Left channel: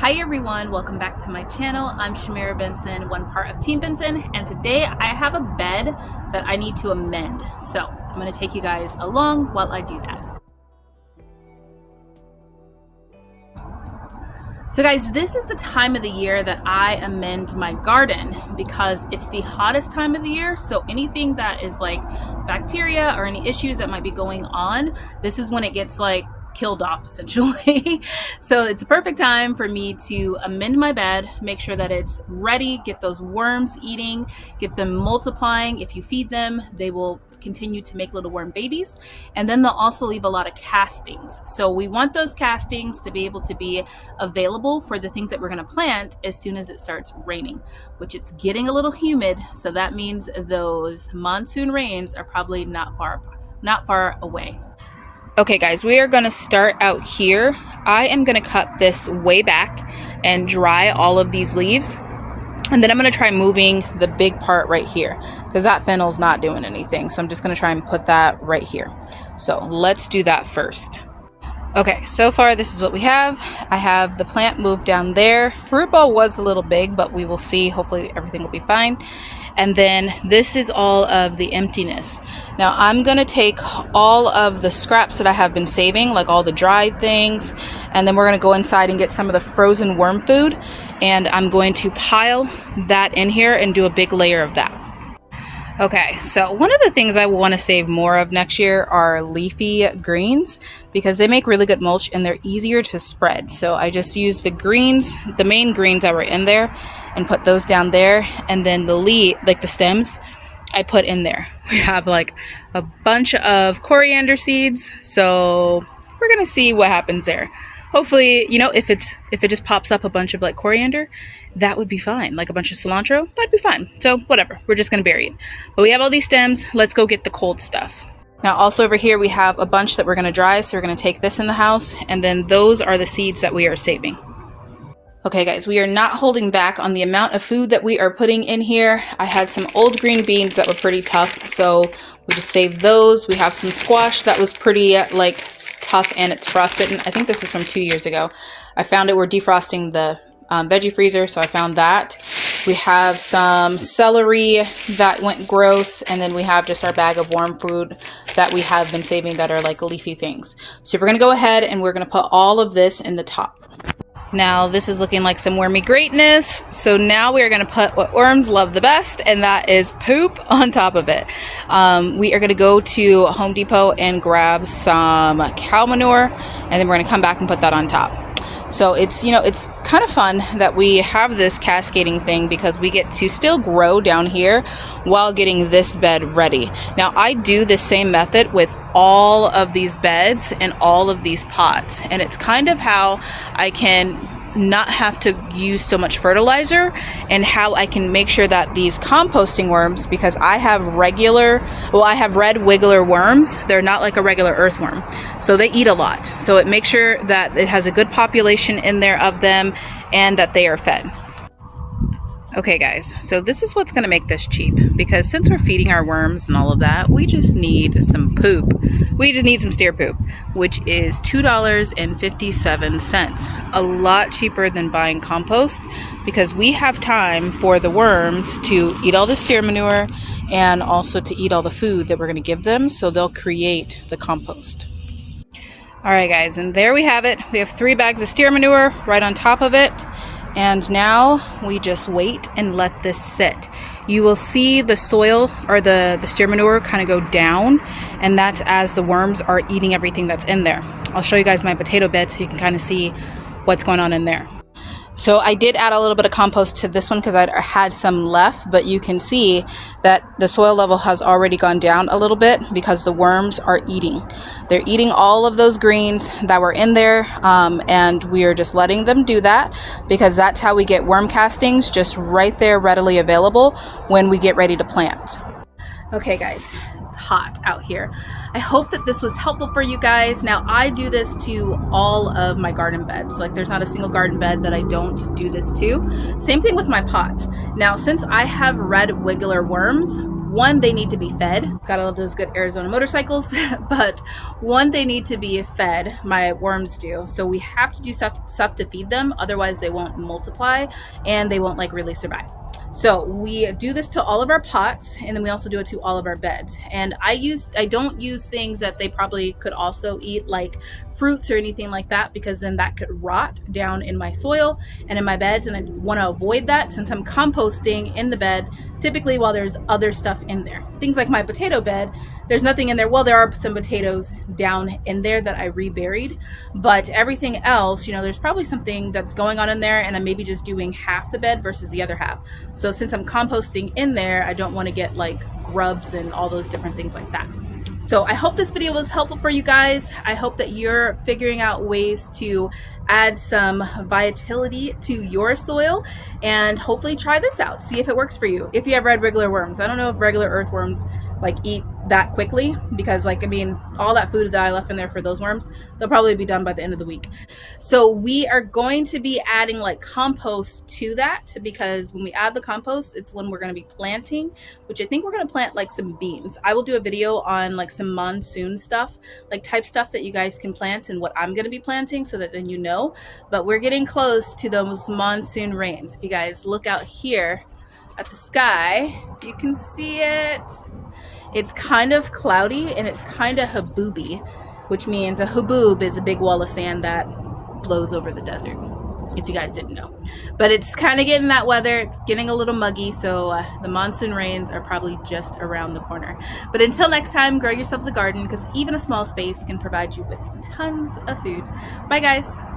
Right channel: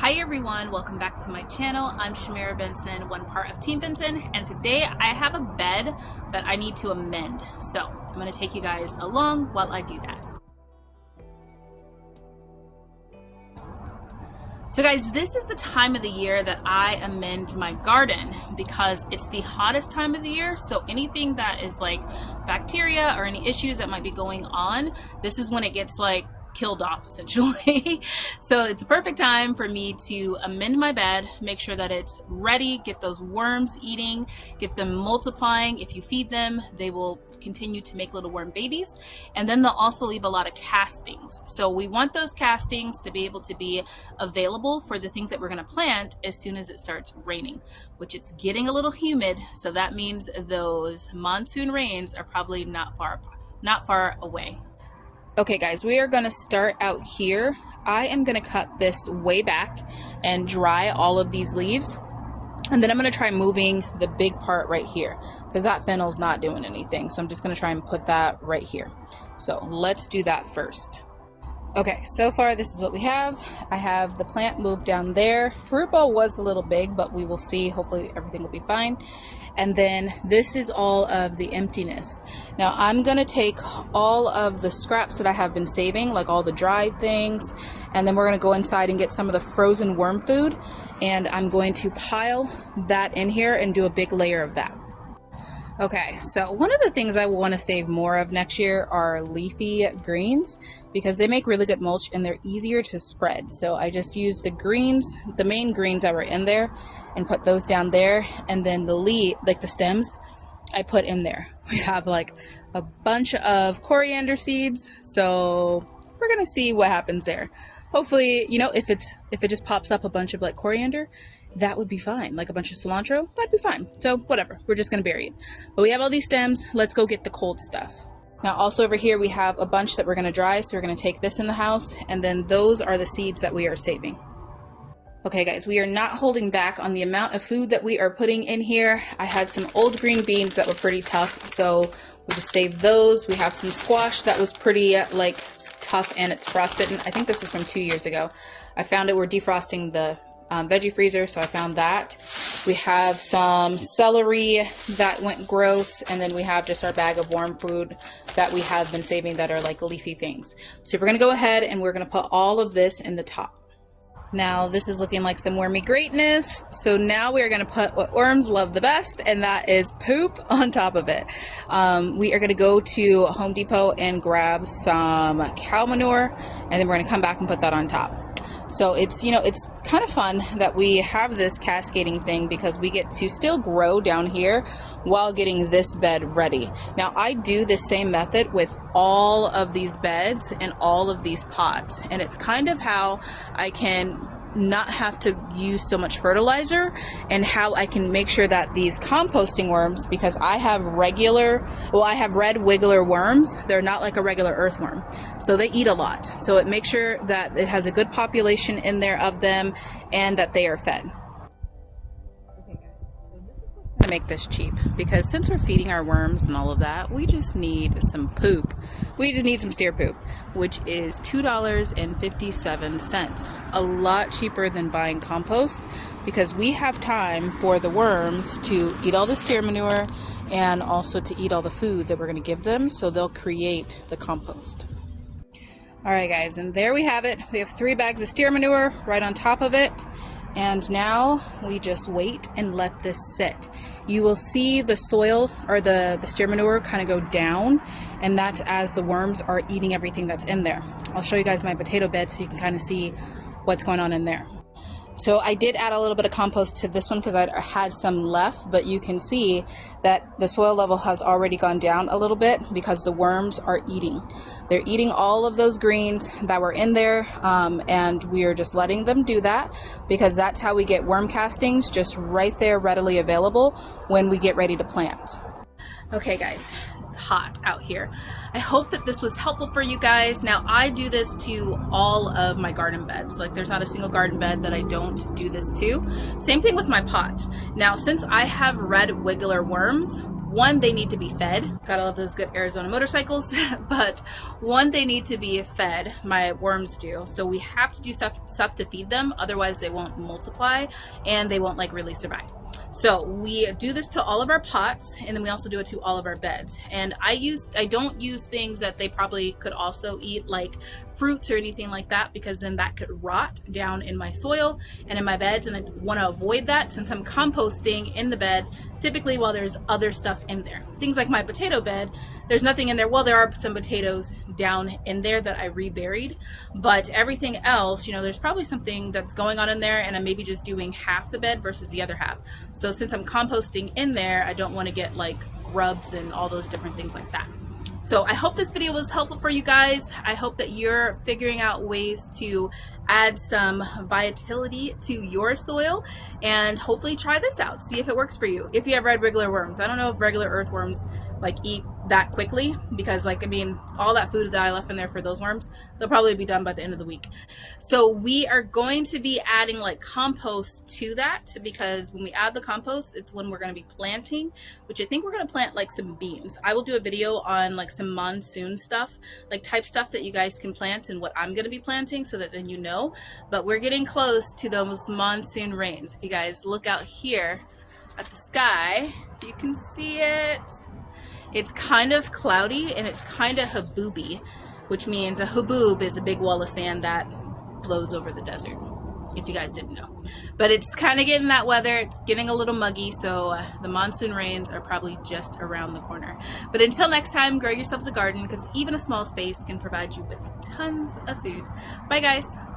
Hi everyone, welcome back to my channel. I'm Shamira Benson, one part of Team Benson, and today I have a bed that I need to amend. So I'm going to take you guys along while I do that. So guys, this is the time of the year that I amend my garden because it's the hottest time of the year. So anything that is like bacteria or any issues that might be going on, this is when it gets like killed off essentially. So it's a perfect time for me to amend my bed, make sure that it's ready, get those worms eating, get them multiplying. If you feed them, they will continue to make little worm babies, and then they'll also leave a lot of castings. So we want those castings to be able to be available for the things that we're going to plant as soon as it starts raining, which it's getting a little humid, so that means those monsoon rains are probably not far away. Okay guys, we are going to start out here. I am going to cut this way back and dry all of these leaves. And then I'm going to try moving the big part right here because that fennel's not doing anything. So I'm just going to try and put that right here. So let's do that first. Okay, so far this is what we have. I have the plant moved down there. Root ball was a little big, but we will see. Hopefully everything will be fine. And then this is all of the emptiness. Now I'm gonna take all of the scraps that I have been saving, like all the dried things, and then we're gonna go inside and get some of the frozen worm food, and I'm going to pile that in here and do a big layer of that. Okay, so one of the things I want to save more of next year are leafy greens because they make really good mulch and they're easier to spread. So I just use the greens, the main greens that were in there, and put those down there, and then the leaf, like the stems, I put in there. We have like a bunch of coriander seeds, so we're gonna see what happens there. Hopefully, you know, if it just pops up a bunch of like coriander, that would be fine. Like a bunch of cilantro, that'd be fine. So whatever, we're just gonna bury it. But we have all these stems, let's go get the cold stuff. Now also over here we have a bunch that we're gonna dry, so we're gonna take this in the house, and then those are the seeds that we are saving. Okay guys, we are not holding back on the amount of food that we are putting in here. I had some old green beans that were pretty tough, so we just saved those. We have some squash that was pretty like tough and it's frostbitten. I think this is from 2 years ago. I found it, we're defrosting the veggie freezer, so I found that. We have some celery that went gross, and then we have just our bag of worm food that we have been saving that are like leafy things. So we're gonna go ahead and we're gonna put all of this in the top. Now this is looking like some wormy greatness. So now we are going to put what worms love the best, and that is poop on top of it. We are going to go to Home Depot and grab some cow manure, and then we're going to come back and put that on top. So it's, you know, it's kind of fun that we have this cascading thing because we get to still grow down here while getting this bed ready. Now I do the same method with all of these beds and all of these pots, and it's kind of how I can not have to use so much fertilizer, and how I can make sure that these composting worms, because I have red wiggler worms, they're not like a regular earthworm, so they eat a lot, so it makes sure that it has a good population in there of them and that they are fed. Okay guys, so this is what's going to make this cheap, because since we're feeding our worms and all of that, we just need some poop. We just need some steer poop, which is $2.57. A lot cheaper than buying compost, because we have time for the worms to eat all the steer manure and also to eat all the food that we're going to give them, so they'll create the compost. Alright guys, and there we have it. We have 3 bags of steer manure right on top of it. And now we just wait and let this sit. You will see the soil or the steer manure kind of go down, and that's as the worms are eating everything that's in there. I'll show you guys my potato bed so you can kind of see what's going on in there. So I did add a little bit of compost to this one because I had some left, but you can see that the soil level has already gone down a little bit because the worms are eating. They're eating all of those greens that were in there, and we are just letting them do that because that's how we get worm castings just right there readily available when we get ready to plant. Okay guys, it's hot out here. I hope that this was helpful for you guys. Now I do this to all of my garden beds. Like there's not a single garden bed that I don't do this to. Same thing with my pots. Now since I have red wiggler worms, one, they need to be fed. Gotta love those good Arizona motorcycles. But one, they need to be fed. My worms do. So we have to do stuff to feed them. Otherwise they won't multiply and they won't like really survive. So we do this to all of our pots, and then we also do it to all of our beds. And I don't use things that they probably could also eat, like fruits or anything like that, because then that could rot down in my soil and in my beds, and I want to avoid that since I'm composting in the bed typically while there's other stuff in there. Things like my potato bed, there's nothing in there. Well, there are some potatoes down in there that I reburied, but everything else, you know, there's probably something that's going on in there, and I'm maybe just doing half the bed versus the other half. So since I'm composting in there, I don't want to get like grubs and all those different things like that. So I hope this video was helpful for you guys. I hope that you're figuring out ways to add some vitality to your soil, and hopefully try this out. See if it works for you. If you have regular worms. I don't know if regular earthworms like eat that quickly, because like, I mean, all that food that I left in there for those worms, they'll probably be done by the end of the week. So we are going to be adding like compost to that, because when we add the compost, it's when we're going to be planting, which I think we're going to plant like some beans. I will do a video on like some monsoon stuff, like type stuff that you guys can plant and what I'm going to be planting, so that then you know. But we're getting close to those monsoon rains. If you guys look out here at the sky, you can see it. It's kind of cloudy and it's kind of habooby, which means a haboob is a big wall of sand that blows over the desert, if you guys didn't know. But it's kind of getting that weather. It's getting a little muggy, so the monsoon rains are probably just around the corner. But until next time, grow yourselves a garden, because even a small space can provide you with tons of food. Bye guys.